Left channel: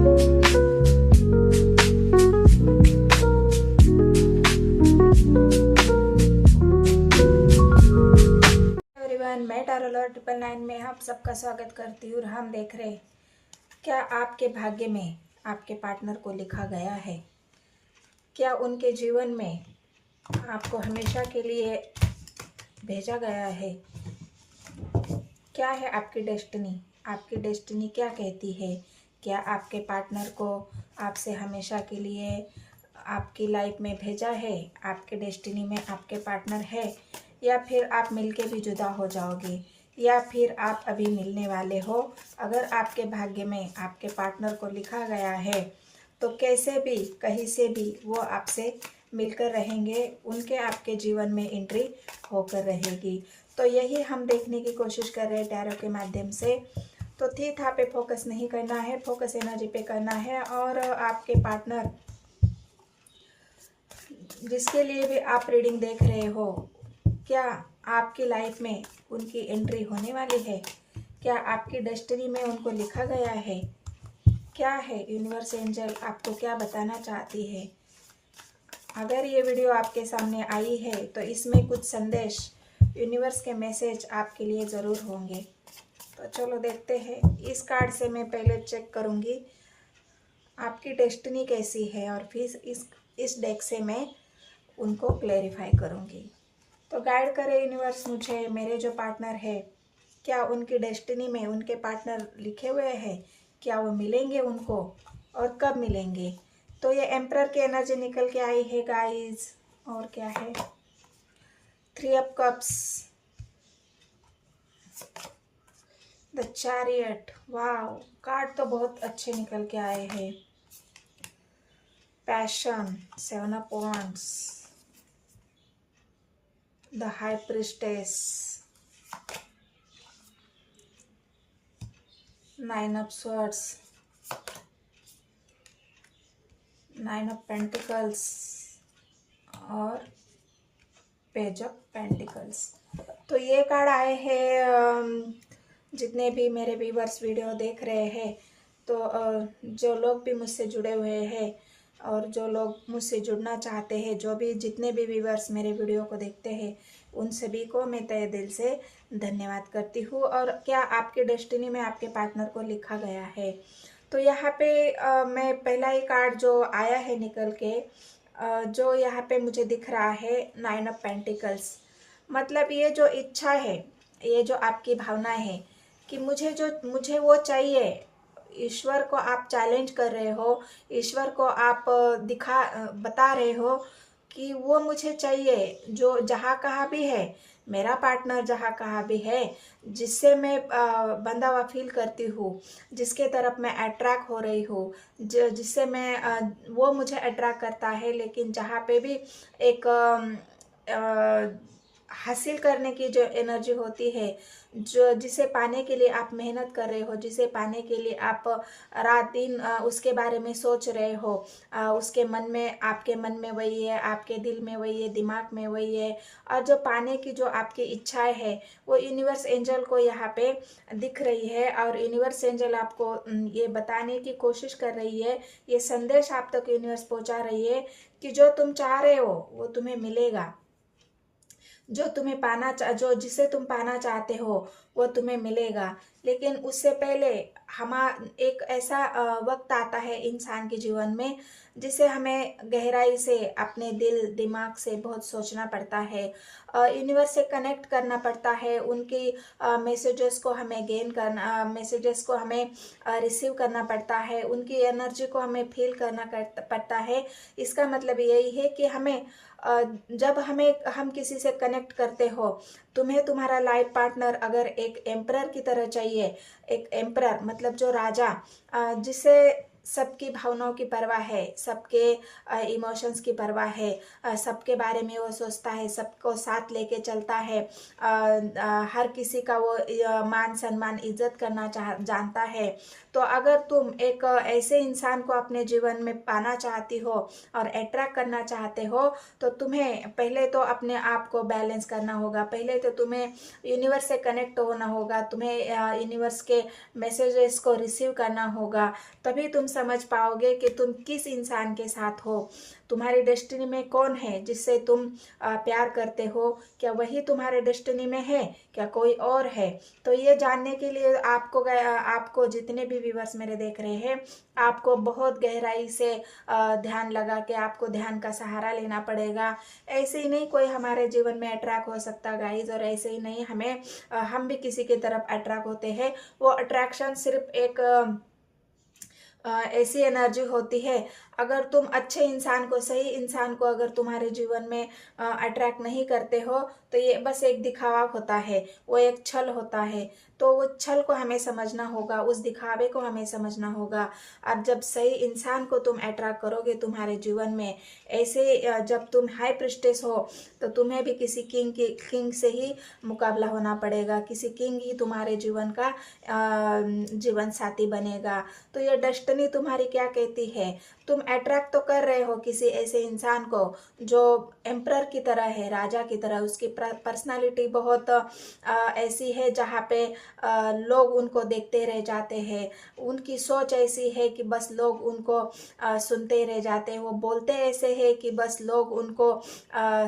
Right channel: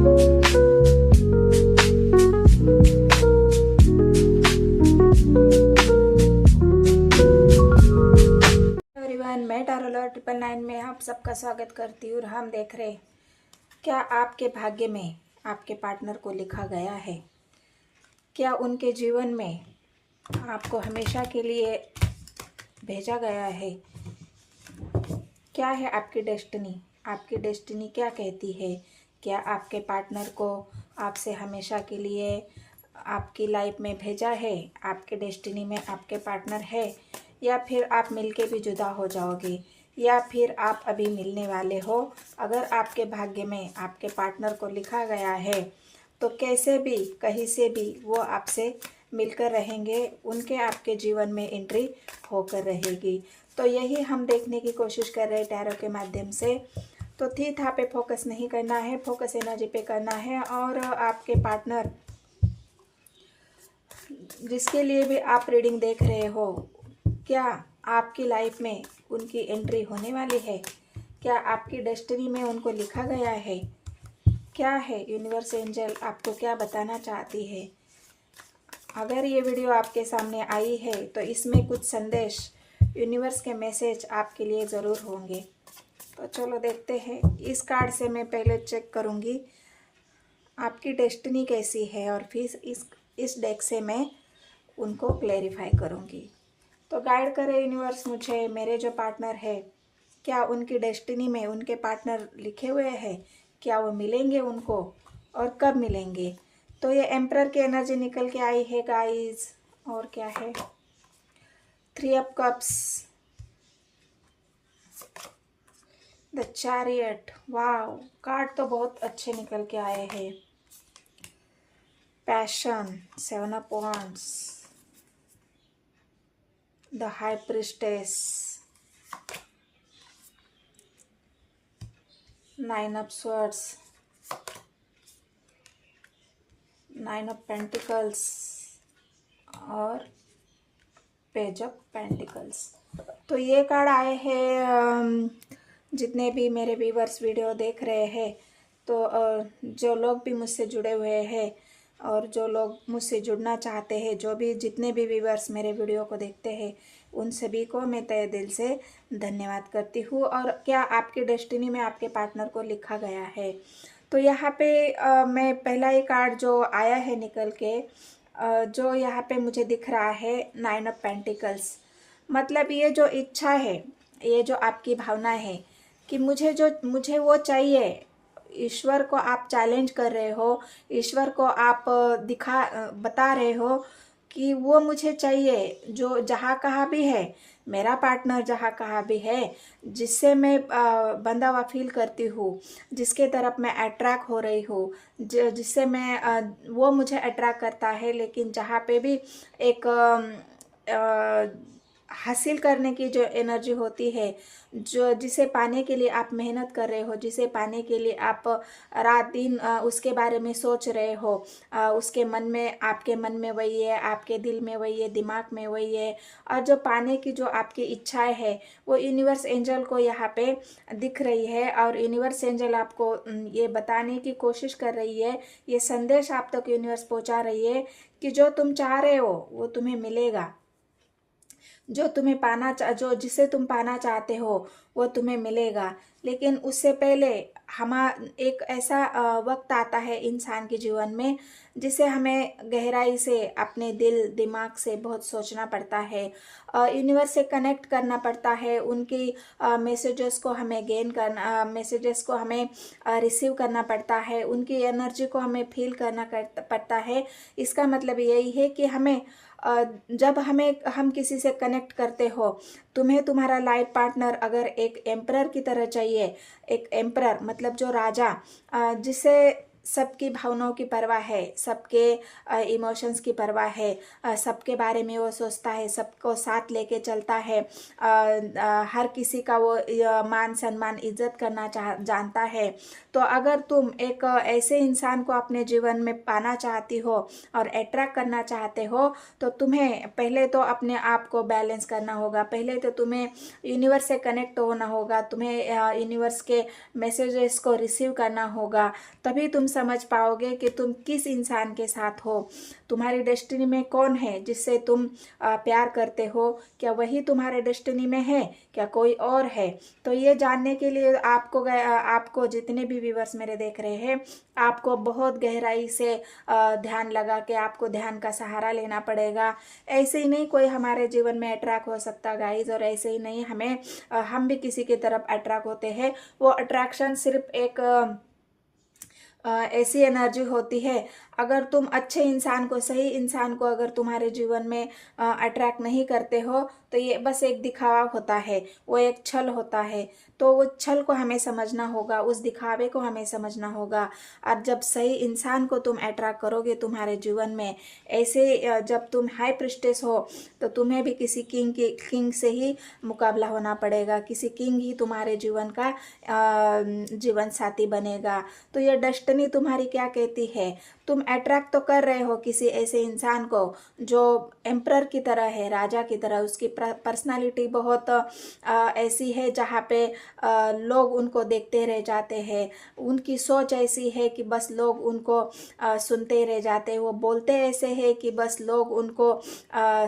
Everyone, मैं टारोलॉर 999 में आप सबका स्वागत करती हूँ। और हम देख रहे हैं क्या आपके भाग्य में आपके पार्टनर को लिखा गया है, क्या उनके जीवन में आपको हमेशा के लिए भेजा गया है, क्या है आपकी डेस्टिनी क्या कहती है, क्या आपके पार्टनर को आपसे हमेशा के लिए आपकी लाइफ में भेजा है, आपके डेस्टिनी में आपके पार्टनर है, या फिर आप मिलके भी जुदा हो जाओगे, या फिर आप अभी मिलने वाले हो। अगर आपके भाग्य में आपके पार्टनर को लिखा गया है तो कैसे भी कहीं से भी वो आपसे मिलकर रहेंगे, उनके आपके जीवन में एंट्री होकर रहेगी। तो यही हम देखने की कोशिश कर रहे हैं टैरो के माध्यम से। तो थी था पे फोकस नहीं करना है, फोकस एनर्जी पे करना है। और आपके पार्टनर जिसके लिए भी आप रीडिंग देख रहे हो, क्या आपकी लाइफ में उनकी एंट्री होने वाली है, क्या आपकी डेस्टिनी में उनको लिखा गया है, क्या है यूनिवर्स एंजल आपको क्या बताना चाहती है। अगर ये वीडियो आपके सामने आई है तो इसमें कुछ संदेश, यूनिवर्स के मैसेज आपके लिए ज़रूर होंगे। तो चलो देखते हैं। इस कार्ड से मैं पहले चेक करूँगी आपकी डेस्टिनी कैसी है, और फिर इस डेक से मैं उनको क्लेरिफाई करूँगी। तो गाइड करे यूनिवर्स मुझे, मेरे जो पार्टनर है, क्या उनकी डेस्टिनी में उनके पार्टनर लिखे हुए हैं, क्या वो मिलेंगे उनको, और कब मिलेंगे। तो ये एम्परर की एनर्जी निकल के आई है गाइस। और क्या है, 3 of cups, the chariot. Wow, card तो बहुत अच्छे निकल के आए हैं। Passion, 7 of wands, the high priestess, 9 of swords, 9 of pentacles और पेज ऑफ पेंटिकल्स। तो ये कार्ड आए हैं। जितने भी मेरे व्यूवर्स वीडियो देख रहे हैं, तो जो लोग भी मुझसे जुड़े हुए हैं और जो लोग मुझसे जुड़ना चाहते हैं, जो भी जितने भी व्यूवर्स मेरे वीडियो को देखते हैं, उन सभी को मैं तहे दिल से धन्यवाद करती हूँ। और क्या आपकी डेस्टिनी में आपके पार्टनर को लिखा गया है। तो यहाँ पे मैं पहला ही कार्ड जो आया है निकल के, जो यहाँ पे मुझे दिख रहा है 9 ऑफ पेंटिकल्स। मतलब ये जो इच्छा है, ये जो आपकी भावना है कि मुझे वो चाहिए, ईश्वर को आप चैलेंज कर रहे हो, ईश्वर को आप बता रहे हो कि वो मुझे चाहिए, जो जहाँ कहाँ भी है, मेरा पार्टनर जहाँ कहाँ भी है, जिससे मैं बंधा हुआ फील करती हूँ, जिसके तरफ मैं अट्रैक्ट हो रही हूँ, जिससे मैं वो मुझे अट्रैक्ट करता है। लेकिन जहाँ पे भी एक हासिल करने की जो एनर्जी होती है, जो जिसे पाने के लिए आप मेहनत कर रहे हो, जिसे पाने के लिए आप रात दिन उसके बारे में सोच रहे हो, उसके मन में, आपके मन में वही है, आपके दिल में वही है, दिमाग में वही है, और जो पाने की जो आपकी इच्छाएं है, वो यूनिवर्स एंजल को यहाँ पे दिख रही है। और यूनिवर्स एंजल आपको ये बताने की कोशिश कर रही है, ये संदेश आप तक यूनिवर्स पहुँचा रही है कि जो तुम चाह रहे हो वो तुम्हें मिलेगा, जो जिसे तुम पाना चाहते हो वो तुम्हें मिलेगा। लेकिन उससे पहले एक ऐसा वक्त आता है इंसान के जीवन में, जिसे हमें गहराई से अपने दिल दिमाग से बहुत सोचना पड़ता है, यूनिवर्स से कनेक्ट करना पड़ता है, उनकी मैसेजेस को हमें गेन करना, मैसेजेस को हमें रिसीव करना पड़ता है, उनकी एनर्जी को हमें फील करना पड़ता है। इसका मतलब यही है कि हमें जब हम किसी से कनेक्ट करते हो, तुम्हें तुम्हारा लाइफ पार्टनर अगर एक एम्परर की तरह चाहिए, एक एम्परर मतलब जो राजा, जिसे सबकी भावनाओं की परवाह है, सबके इमोशंस की परवाह है, सबके बारे में वो सोचता है, सबको साथ लेके चलता है, हर किसी का वो मान सम्मान इज्जत करना जानता है। तो अगर तुम एक ऐसे इंसान को अपने जीवन में पाना चाहती हो और अट्रैक्ट करना चाहते हो, तो तुम्हें पहले तो अपने आप को बैलेंस करना होगा, पहले तो तुम्हें यूनिवर्स से कनेक्ट होना होगा, तुम्हें यूनिवर्स के मैसेजेस को रिसीव करना होगा, तभी तुम समझ पाओगे कि तुम किस इंसान के साथ हो, तुम्हारी डेस्टिनी में कौन है जिससे तुम प्यार करते हो, क्या वही तुम्हारे डेस्टिनी में है, क्या कोई और है। तो ये जानने के लिए आपको जितने भी व्यूअर्स मेरे देख रहे हैं, आपको बहुत गहराई से ध्यान लगा के आपको ध्यान का सहारा लेना पड़ेगा। ऐसे ही नहीं कोई हमारे जीवन में अट्रैक्ट हो सकता गाइज, और ऐसे ही नहीं हम भी किसी की तरफ अट्रैक्ट होते हैं। वो अट्रैक्शन सिर्फ एक ऐसी एनर्जी होती है। अगर तुम अच्छे इंसान को, सही इंसान को अगर तुम्हारे जीवन में अट्रैक्ट नहीं करते हो, तो ये बस एक दिखावा होता है, वो एक छल होता है। तो वो छल को हमें समझना होगा, उस दिखावे को हमें समझना होगा। और जब सही इंसान को तुम अट्रैक्ट करोगे तुम्हारे जीवन में, ऐसे जब तुम हाई प्रिस्टेस हो, तो तुम्हें भी किसी किंग से ही मुकाबला होना पड़ेगा, किसी किंग ही तुम्हारे जीवन का जीवन साथी बनेगा। तो ये डेस्टिनी तुम्हारी क्या कहती है, तुम अट्रैक्ट तो कर रहे हो किसी ऐसे इंसान को जो एम्परर की तरह है, राजा की तरह। उसकी पर्सनालिटी बहुत ऐसी है जहाँ पे लोग उनको देखते रह जाते हैं। उनकी सोच ऐसी है कि बस लोग उनको सुनते रह जाते हैं। वो बोलते ऐसे हैं कि बस लोग उनको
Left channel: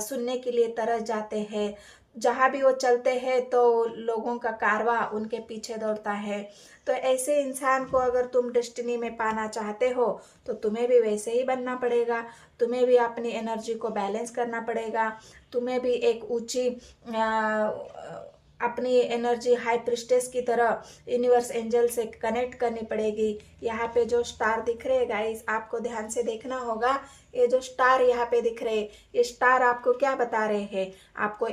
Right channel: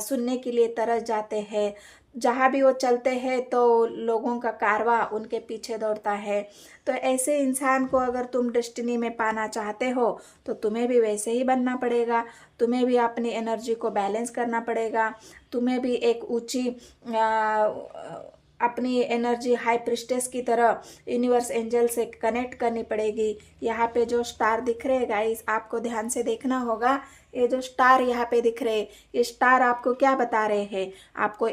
सुनने के लिए तरस जाते हैं। जहाँ भी वो चलते हैं तो लोगों का कारवां उनके पीछे दौड़ता है। तो ऐसे इंसान को अगर तुम डेस्टिनी में पाना चाहते हो, तो तुम्हें भी वैसे ही बनना पड़ेगा। तुम्हें भी अपनी एनर्जी को बैलेंस करना पड़ेगा। तुम्हें भी एक ऊंची अपनी एनर्जी हाई प्रिस्टेस की तरह यूनिवर्स एंजल से कनेक्ट करनी पड़ेगी। यहाँ पे जो स्टार दिख रहे हैं गाइस, आपको ध्यान से देखना होगा। ये जो स्टार यहाँ पे दिख रहे, ये स्टार आपको क्या बता रहे हैं, आपको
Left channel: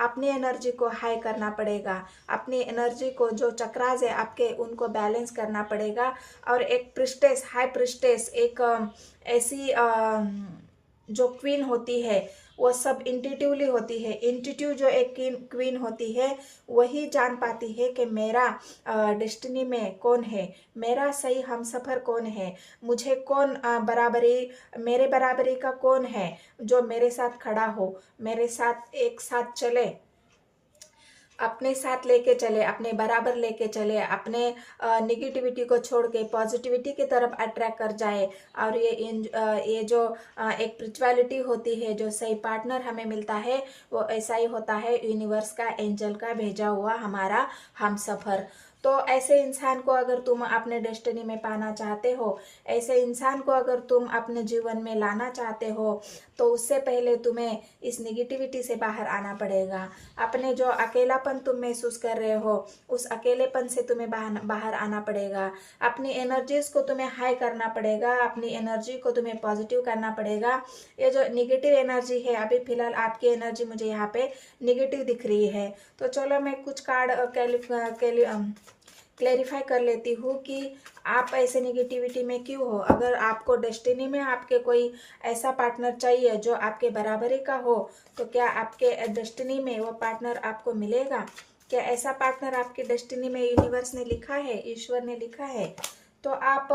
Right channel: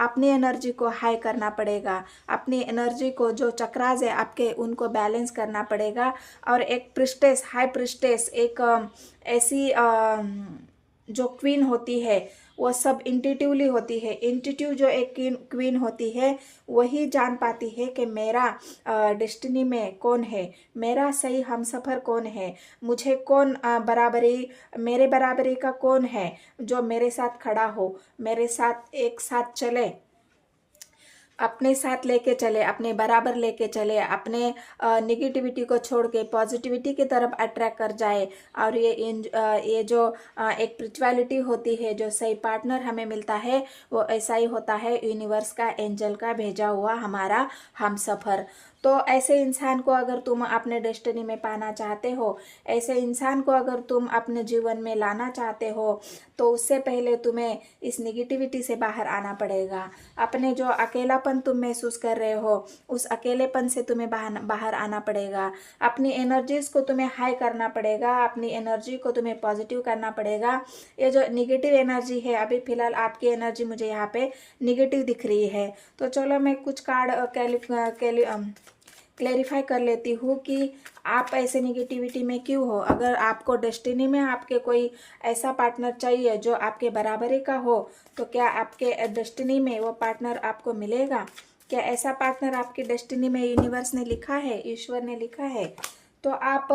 अपनी एनर्जी को हाई करना पड़ेगा। अपनी एनर्जी को जो चक्रास है आपके, उनको बैलेंस करना पड़ेगा। और एक प्रिस्टेस, हाई प्रिस्टेस, एक ऐसी जो क्वीन होती है, वो सब इंट्यूटिवली होती है। इंट्यूटिव जो एक क्वीन होती है, वही जान पाती है कि मेरा डेस्टिनी में कौन है, मेरा सही हमसफर कौन है, मुझे कौन मेरे बराबरी का कौन है जो मेरे साथ खड़ा हो, मेरे साथ एक साथ चले, अपने साथ लेके चले, अपने बराबर लेके चले, अपने निगेटिविटी को छोड़ के पॉजिटिविटी की तरफ अट्रैक्ट कर जाए। और ये जो एक स्पिरिचुअलिटी होती है, जो सही पार्टनर हमें मिलता है, वो ऐसा ही होता है, यूनिवर्स का, एंजल का भेजा हुआ हमारा हम सफर। तो ऐसे इंसान को अगर तुम अपने डेस्टिनी में पाना चाहते हो, ऐसे इंसान को अगर तुम अपने जीवन में लाना चाहते हो, तो उससे पहले तुम्हें इस निगेटिविटी से बाहर आना पड़ेगा। अपने जो अकेलापन तुम महसूस कर रहे हो, उस अकेलेपन से तुम्हें बाहर आना पड़ेगा। अपनी एनर्जीज को तुम्हें हाई करना पड़ेगा, अपनी एनर्जी को तुम्हें पॉजिटिव करना पड़ेगा। ये जो निगेटिव एनर्जी है, अभी फिलहाल आपकी एनर्जी मुझे यहाँ पे निगेटिव दिख रही है। तो चलो मैं कुछ कार्ड क्लेरिफाई कर लेती हूँ कि आप ऐसे निगेटिविटी में क्यों हो। अगर आपको डेस्टिनी में आपके कोई ऐसा पार्टनर चाहिए जो आपके बराबरी का हो, तो क्या आपके डेस्टिनी में वो पार्टनर आपको मिलेगा? क्या ऐसा पार्टनर आपकी डेस्टिनी में यूनिवर्स ने लिखा है, ईश्वर ने लिखा है? तो आप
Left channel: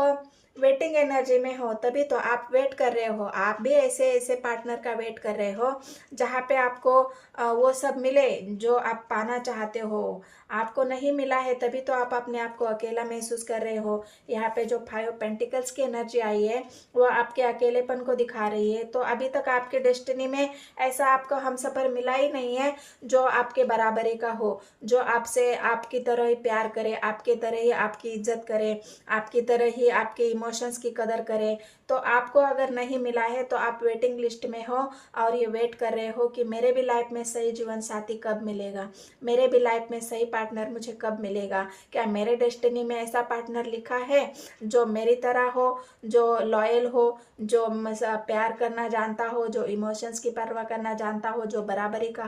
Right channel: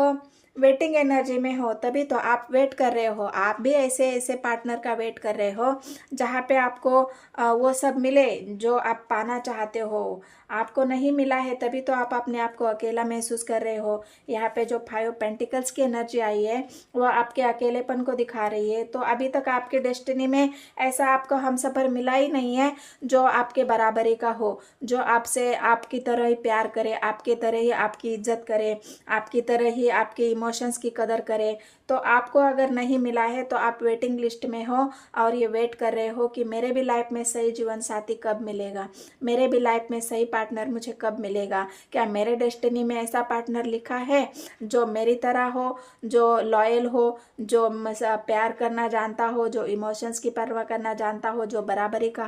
वेटिंग एनर्जी में हो, तभी तो आप वेट कर रहे हो। आप भी ऐसे पार्टनर का वेट कर रहे हो जहाँ पे आपको वो सब मिले जो आप पाना चाहते हो। आपको नहीं मिला है, तभी तो आप अपने आप को अकेला महसूस कर रहे हो। यहाँ पे जो 5 पेंटिकल्स की एनर्जी आई है, वो आपके अकेलेपन को दिखा रही है। तो अभी तक आपके डेस्टिनी में ऐसा आपको हमसफर मिला ही नहीं है जो आपके बराबरी का हो, जो आपसे आपकी तरह ही प्यार करे, आपकी तरह ही आपकी इज्जत करे, आपकी तरह ही आपके इमोशंस की कदर करे। तो आपको अगर नहीं मिला है, तो आप वेटिंग लिस्ट में हो और ये वेट कर रहे हो कि मेरे भी लाइफ में सही जीवन साथी कब मिलेगा, मेरे भी लाइफ में सही पार्टनर मुझे कब मिलेगा। क्या मेरे डेस्टिनी में ऐसा पार्टनर लिखा है जो मेरी तरह हो, जो लॉयल हो, जो प्यार करना जानता हो, जो इमोशंस की परवाह करना जानता हो, जो बराबरी का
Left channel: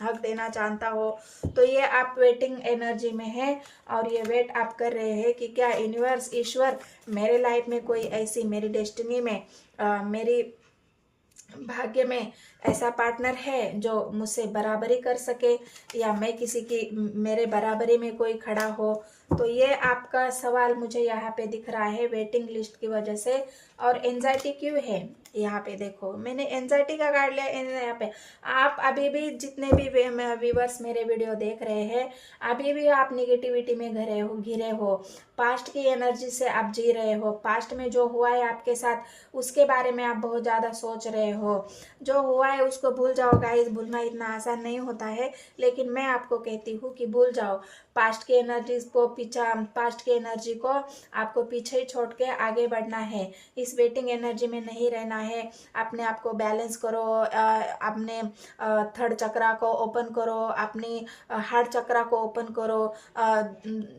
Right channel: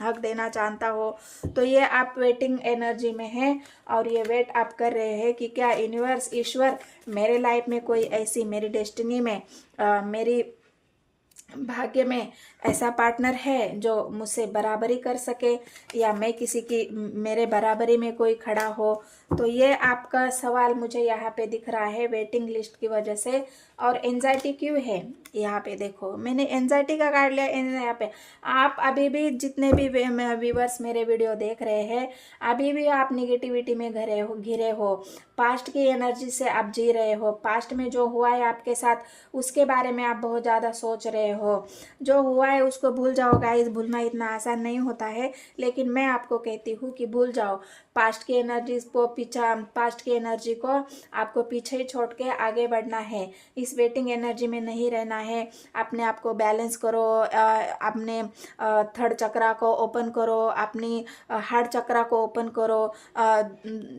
हक देना जानता हो। तो ये आप वेटिंग एनर्जी में हैं और ये वेट आप कर रहे हैं कि क्या यूनिवर्स, ईश्वर, मेरे लाइफ में कोई ऐसी, मेरी डेस्टिनी में, मेरी भाग्य में ऐसा पार्टनर है जो मुझसे बराबरी कर सके, या मैं किसी की, मेरे बराबरी में कोई खड़ा हो तो ये आपका सवाल मुझे यहाँ पे दिख रहा है वेटिंग लिस्ट की वजह से। और एंजाइटी क्यों है, यहाँ पे देखो मैंने एंजाइटी का कार्ड लिया यहाँ पे। आप अभी भी जितने भी व्यूवर्स मेरे वीडियो देख रहे हैं, अभी भी आप निगेटिविटी में घिरे हो, पास्ट की एनर्जी से आप जी रहे हो, पास्ट में जो हुआ है आपके साथ उसके बारे में आप बहुत ज़्यादा सोच रहे हो। जो हुआ है उसको भूल जाओ गाइस, भूलना इतना आसान नहीं होता है, लेकिन मैं आपको कहती हूँ कि भूल जाओ पास्ट की एनर्जी को, पास्ट की एनर्जी को आपको पीछे ही छोड़ के आगे बढ़ना है। इस वेटिंग एनर्जी में नहीं रहना है। अपने आप को बैलेंस करो, अपने थर्ड चक्रा को ओपन करो, अपनी हार्ट चक्रा को ओपन करो।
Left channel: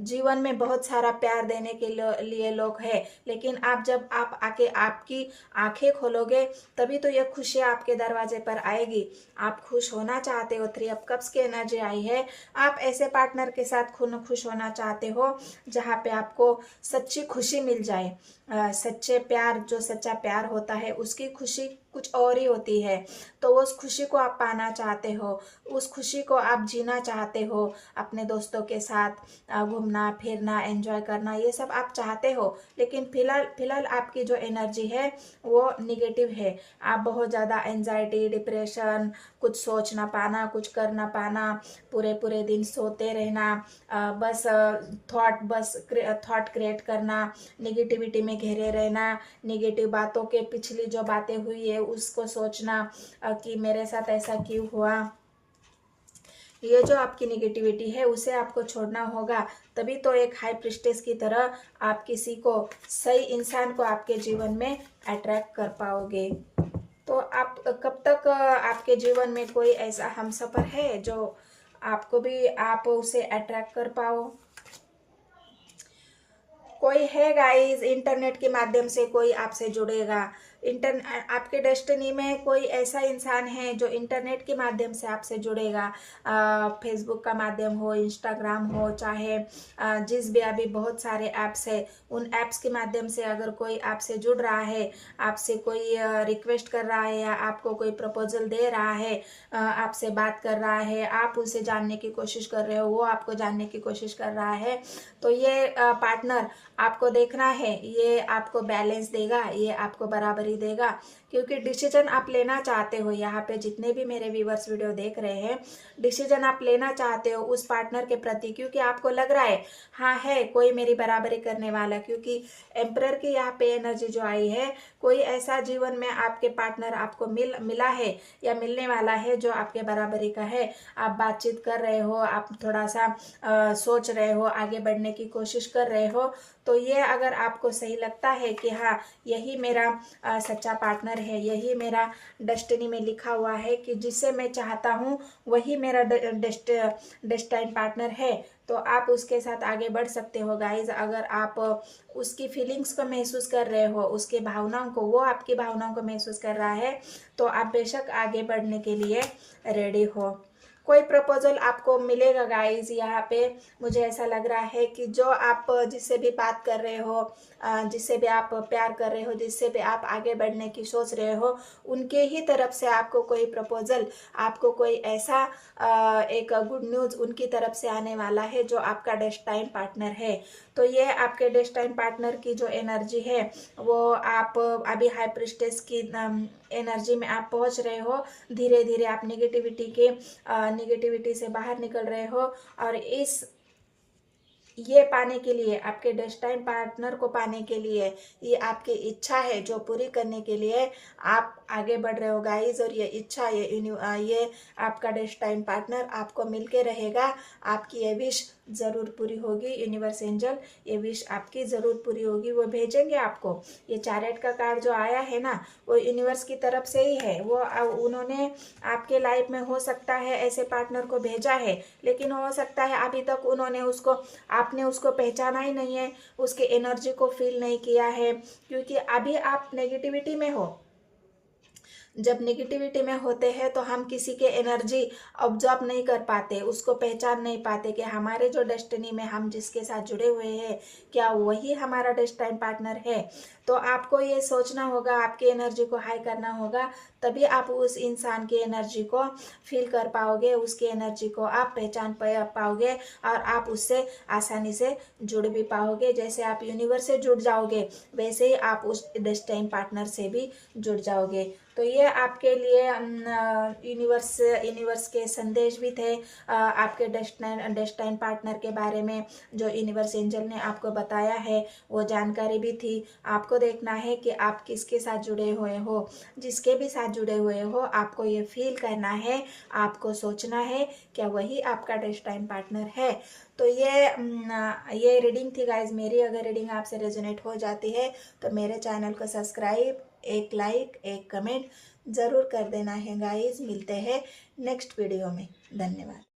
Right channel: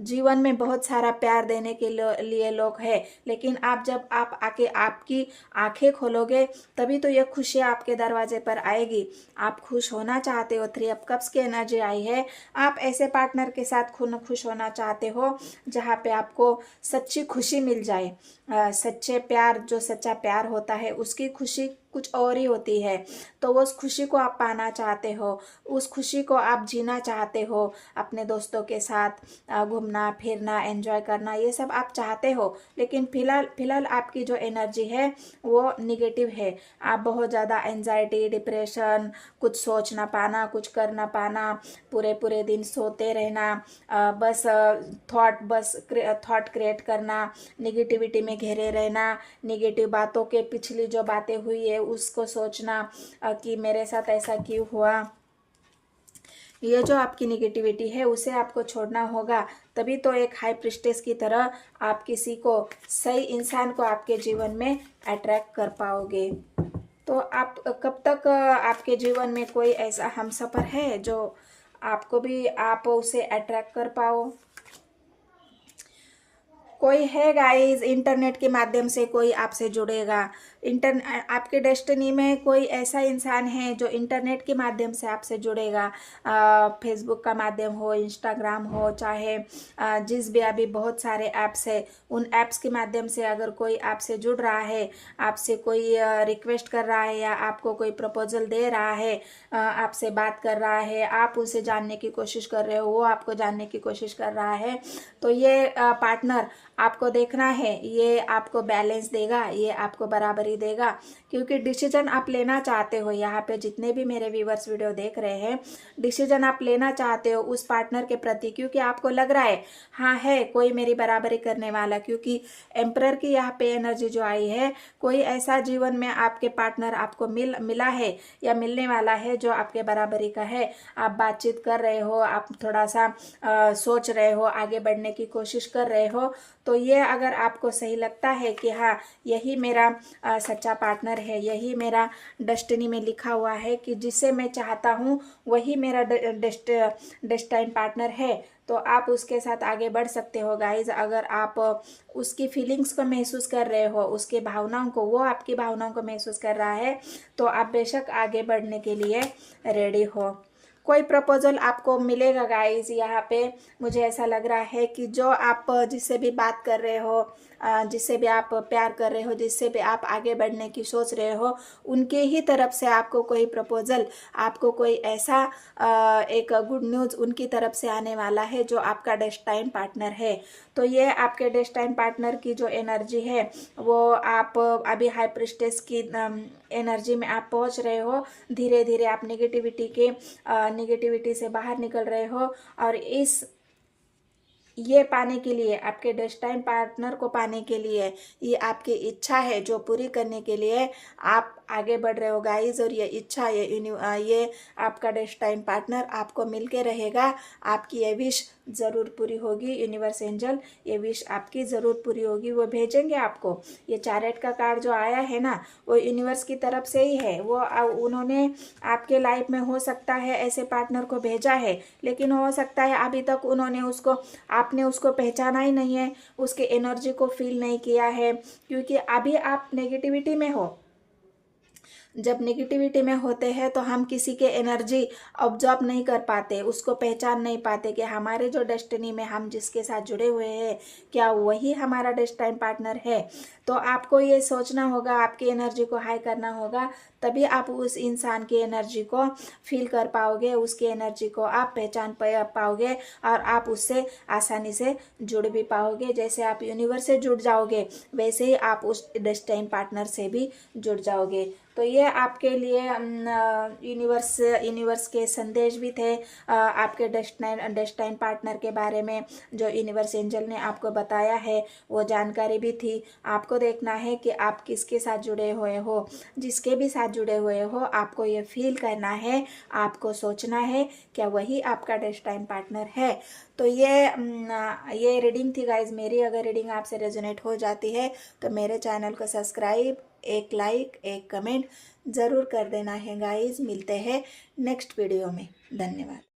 जीवन में बहुत सारा प्यार देने के लिए लोग हैं, लेकिन आप जब आप आके आपकी आंखें खोलोगे तभी तो ये खुशी आपके दरवाजे पर आएगी। आप खुश होना चाहते हो, 3 ऑफ कप्स की एनर्जी आई है। आप ऐसे पार्टनर के साथ खुश होना चाहते हो जहाँ पे आपको सच्ची खुशी मिल जाए। सच्चे प्यार, जो सच्चा प्यार होता है उसकी खुशी कुछ और ही होती है। तो उस खुशी को आप पाना चाहते हो, उस खुशी को आप जीना चाहते हो, अपने दोस्तों के साथ घूमना फिरना एंजॉय करना, ये सब आप चाहते हो। लेकिन फिलहाल आपकी जो एनर्जी है वो निगेटिव है। आप बहुत ज़्यादा एंजाइटी, डिप्रेशन, कुछ सोच ना पाना, कुछ कर ना पाना, पूरे दिन सोते रहना, बस थॉट क्रिएट करना, निगेटिविटी में घेरे रहना, निगेटिव बातों के पिछली जो बातें हुई है उसको सोचना कि मेरे साथ ऐसा क्यों हुआ। ये जो आपकी निगेटिविटी है उसे आपको छोड़ना होगा, तभी तो एक हाई प्रिस्टेस की तरह आप किसी को, सही इंसान को आपके जीवन में अट्रैक्ट कर पाओगे। तो आप कब तक आपके जीवन में कोई ऐसा हमसफर है जो आपको भी आप उसे अट्रैक्ट कर पाओ? कोई है गाइस, इंटरनेट के माध्यम से कोई आपसे जुड़ेगा। आपके डेस्टिनी में कोई ऐसा इंसान है जो इंटरनेट के माध्यम से आपसे जुड़ेगा। फेसबुक का माध्यम हो, इंस्टाग्राम हो, चाहे जिस भी अभी बहुत सारे ऐप्स है, उन ऐप्स के माध्यम से अगर कोई आपसे जुड़ रहा है, आपसे कोई रिक्वेस्ट कर रहा है या आपको कोई प्रपोजल दे रहा है, आपसे बात कर रहा है, आप उसे जानने की कोशिश कर रहे हो, वो आपको जानने की कोशिश कर रहा है, तो ये पार्टनर आपको देखना है, ये आपको बैलेंस देगा, ये आपको बराबरी देगा। क्योंकि डिसीजन आप लेना चाहते हो, यहाँ पे जितने भी मेरे व्यूवर्स वीडियो देख रहे हैं, डिसीजन आप लेना चाहते हो उस पार्टनर के प्रति, क्योंकि आपको लग रहा है हाँ है कोई मेरी बराबरी करने वाला। क्योंकि एम्परर की यहाँ पे एनर्जी जो आई है, कोई ऐसा जीवन में आपके पार्टनर आपको मिला है या मिलने वाला है जो आपके बराबरी का है। आप बातचीत कर रहे हो, आप थोड़ा सा सोच रहे हो, आगे बढ़ने की कोशिश कर रहे हो, तो ये अगर आपको सही लगता है कि हाँ यही मेरा सच्चा पार्टनर है, यही मेरा डेस्टिनी में लिखा हुआ है कि जिसे मैं चाहता हूँ वही मेरा डेस्टाइन पार्टनर है, तो आप उसके साथ आगे बढ़ सकते हो गाइज। अगर आप उसकी फीलिंग्स को महसूस कर रहे हो, उसके भावनाओं को, वो आपकी भावनाओं को महसूस कर रहा है, तो आप बेशक आगे बढ़ने के लिए रेडी हो। कोई प्रपोजल आपको मिलेगा गाइस। यहाँ पे मुझे ऐसा लग रहा है कि जो आप जिससे भी बात कर रहे हो, जिससे भी आप प्यार कर रहे हो, जिससे भी आप आगे बढ़ने की सोच रहे हो, उनके ही तरफ से आपको कोई प्रपोजल, आपको कोई ऐसा एक गुड न्यूज़ उनकी तरफ से आने वाला है जो आपका डेस्टाइन पार्टनर है। तो ये आपके डेस्टाइन पार्टनर की जो एनर्जी है वो आप अभी हाई प्रिस्टेस की एनर्जी में आप पहुंच रहे हो। धीरे धीरे आप निगेटिविटी से बाहर निकल रहे हो, और ये पाने के लिए, आपके डेस्टाइन पार्टनर को पाने के लिए, ये आपकी इच्छा है जो पूरी करने के लिए आप आगे बढ़ रहे हो गाइज। और ये इच्छा, ये आपका डेस्टाइन पार्टनर आपको मिलके रहेगा। आपकी ये विश ज़रूर पूरी होगी। यूनिवर्स एंजल ये विश आपकी ज़रूर पूरी होगी, वो भेजेंगे आपको। ये चैरियट का कार्ड जो आया है ना, वो यूनिवर्स की तरफ से ही है। वो उन्होंने आपके लाइफ में हो सकता है ऐसे पार्टनर को भेजा है, लेकिन हो सकता है अभी तक उन्होंने आपने उसको पहचाना ही नहीं है, उसके एनर्जी को फील नहीं किया है, क्योंकि अभी आप नेगेटिविटी में हो। जब नेगेटिविटी में होते हैं तो हम किसी के एनर्जी ऑब्जर्व नहीं कर पाते, उसको पहचान नहीं पाते कि हमारे जो डेस्टिनी में हम जिसके साथ जुड़े हुए हैं क्या वही हमारा डेस्टाइन पार्टनर है। तो आपको ये सोचना होगा, आपकी एनर्जी को हाई करना होगा, तभी आप उस इंसान की एनर्जी को फील कर पाओगे, उसकी एनर्जी को आप पहचान पाओगे और आप उससे आसानी से जुड़ भी पाओगे। जैसे आप यूनिवर्स से जुड़ जाओगे वैसे ही आप उस डेस्टाइन पार्टनर से भी जुड़ जाओगे। तो ये आपके लिए यूनिवर्स के संदेश भी थे, आपके डेस्टाइन पार्टनर के बारे में जो यूनिवर्स एंजल ने आपको बताया है वो जानकारी भी थी। आपको देखना है कि आप किसके साथ जुड़े हुए हो। जिसके भी साथ जुड़े हुए हो आपको ये फील करना है, आपको सोचना है क्या वही आपका डेस्टाइन पार्टनर है। तो ये रीडिंग थी गाइज मेरी। अगर रीडिंग आपसे रेजोनेट हो जाती है तो मेरे चैनल को सब्सक्राइब, एक लाइक, एक कमेंट ज़रूर कर देना है गाइज। मिलते हैं नेक्स्ट वीडियो में। धन्यवाद।